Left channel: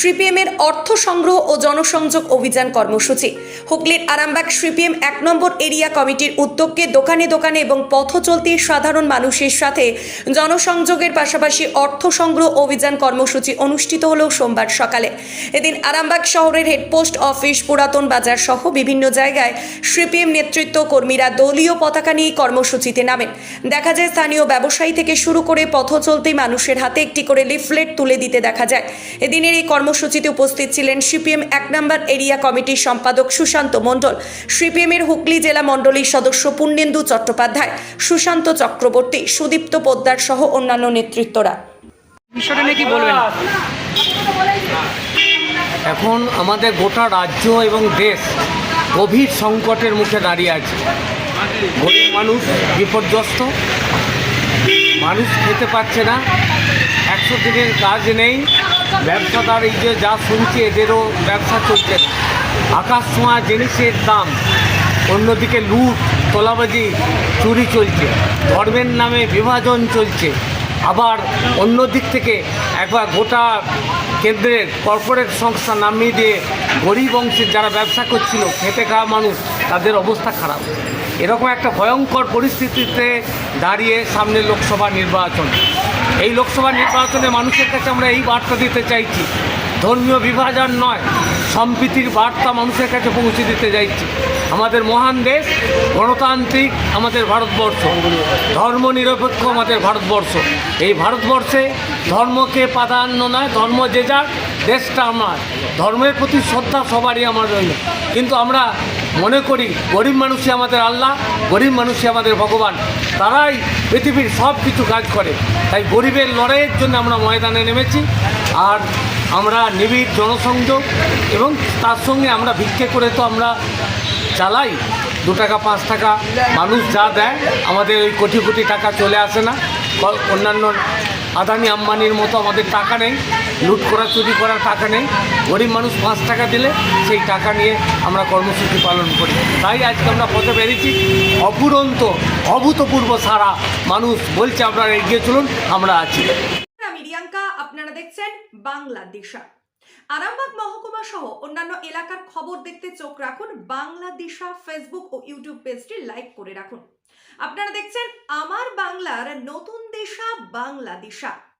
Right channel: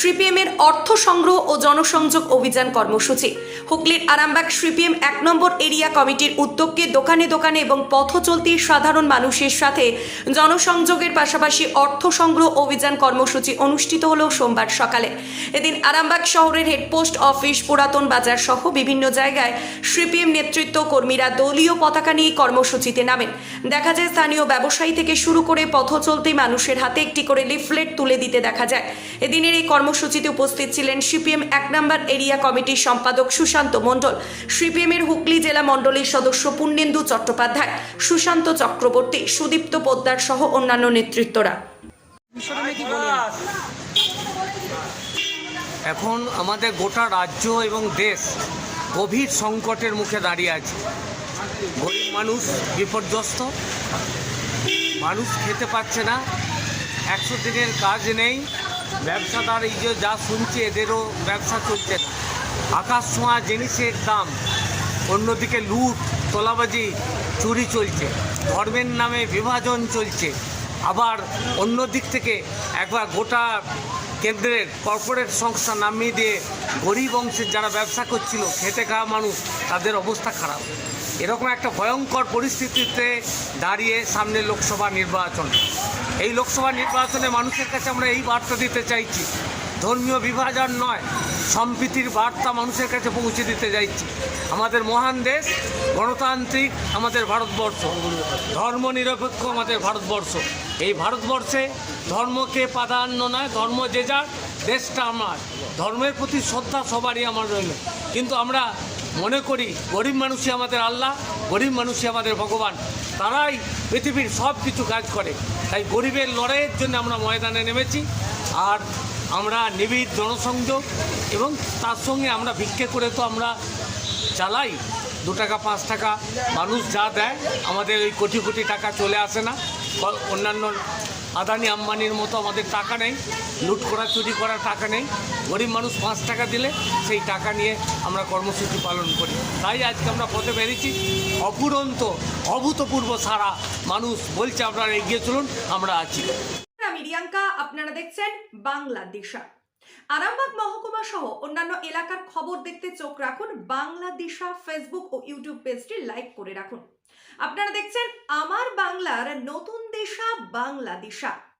সিপিএমের অর্থ সংগ্রহ ও জনসংযোগ অভিযান কর্মসূচি। হুগলির আরামবাগ সিপিএম ১ নম্বর এরিয়া কমিটির উদ্যোগে দোকানে দোকানে এবং পথ চলতি সাধারণ মানুষের সাথে জনসংযোগের পাশাপাশি অর্থ সংগ্রহ অভিযান কর্মসূচি অনুষ্ঠিত হল সোমবার সকালে। এদিন আরামবাগ শহরের হেডপোস্ট অফিস, পুরাতন বাজার সহ বিভিন্ন জায়গায় সিপিএম নেতৃত্ব কর্মীরা দলীয় পতাকা নিয়ে কর্মসূচিতে নামেন। দেখা যায় স্থানীয় ব্যবসায়ী থেকে শুরু করে পথ চলতি মানুষের হাতে একটি করে লিফলেট তুলে দিতে দেখা যায়। এদিনের এই কর্মসূচিতে উপস্থিত ছিলেন সিপিএম ১ নম্বর এরিয়া কমিটির সম্পাদক সুশান্ত মণ্ডল, সিপিএমের হুগলি জেলা মণ্ডলীর সদস্য পূর্ণেন্দু চট্টোপাধ্যায়, সুশান্ত চক্রবর্তী, সুদীপ্ত পোদ্দার সহ অন্যান্য নেতৃত্বরা। বিষয়টা নিয়ে কি বলবেন? এখন আমাদের গোটা রাজ্য এবং দেশ গভীর সংকটের মুখে দাঁড়িয়ে আছে। গরিব মানুষ বিপর্যস্ত, মানুষ খেতে পাচ্ছে না, ১০০ দিনের কাজ নেই, ব্যবসাদার এই যে যা শুনছে এদেরও ব্যবসা চলছে না, আকাশ ছোঁয়া জিনিসের দাম, অন্যদিকে লুট, তোলাবাজি, চুরি চলছে, ধর্মের নামে বিভাজন চলছে। আবার অন্য দিক থেকে একবার গোটা কেন্দ্রের কর্পোরেট সংস্থা নামিয়ে দিয়ে গরিব অংশের যারা ব্যবসা করছিল, খেটে খাওয়া মানুষ, তাদের অবস্থা খারাপ। এরকম একটা ভয়ঙ্কর পরিস্থিতিতে দাঁড়িয়ে সামনে লোকসভা নির্বাচন। এই লোকসভা নির্বাচনে মানুষের কাছে আমরা এই বার্তা দিতে চাইছি, ধর্মীয় বিভাজন নয়, সম্প্রীতির বার্তা মানুষের কাছে পৌঁছে দিতে চাইছি। আমাদের মহান দেশ, গণতান্ত্রিক আমাদের ভারতবর্ষ, ধর্মনিরপেক্ষ আমাদের ভারতবর্ষ। এই ভারতবর্ষে ধর্মকে প্রাধান্য নয়, ধর্ম যে যার, দেশটা আমার, ধর্মের প্রতি শ্রদ্ধা সবারই আমার রইল। কিন্তু আমরা মনে করি গরিব মানুষই আমাদের আল্লাহ, গরিব মানুষই আমাদের ভগবান, তারাই পৃথিবীর সব কিছু কাজ করে। তাই গরিবের লড়াইয়ের জন্য আমরা ময়দানে নেমেছি। আর আমরা নিবিড় জনসংযোগ এবং তার সঙ্গে আমরা ভিক্ষে করে তো আমরা চালাই, 2 টাকা 5 টাকা মানুষ যা দেয়, আমাদের ওই কোটি কোটি টাকা চলে আসে না। অন্যান্য আদানি আম্বানির মতো আমাদের টাকা নেই, লুট করা চুরি করার টাকা নেই। গরিব মানুষ 5 টাকা দিলে সেই টাকা নিয়ে আমরা কর্মসূচি পালন করি। তাই আজকে আমরা পথে বেরিয়েছি। অপুরন্ত অভূতপূর্ব সারা মানুষ বলছে আপনারা এগিয়ে চলুন, আমরা আছি। আমি রিয়াঙ্কা, আপনারা দেখছেন বাংলাদিশা। আরামবাগ মহকুমা সহ অন্যান্য এলাকার খবর দেখতে চোখ রাখুন বাংলাদিশা ফেসবুক ও ইউটিউব পেজটি লাইক করে রাখুন। আপনারা দেখছেন আমার বাংলার নতুন দিশা, বাংলাদিশা।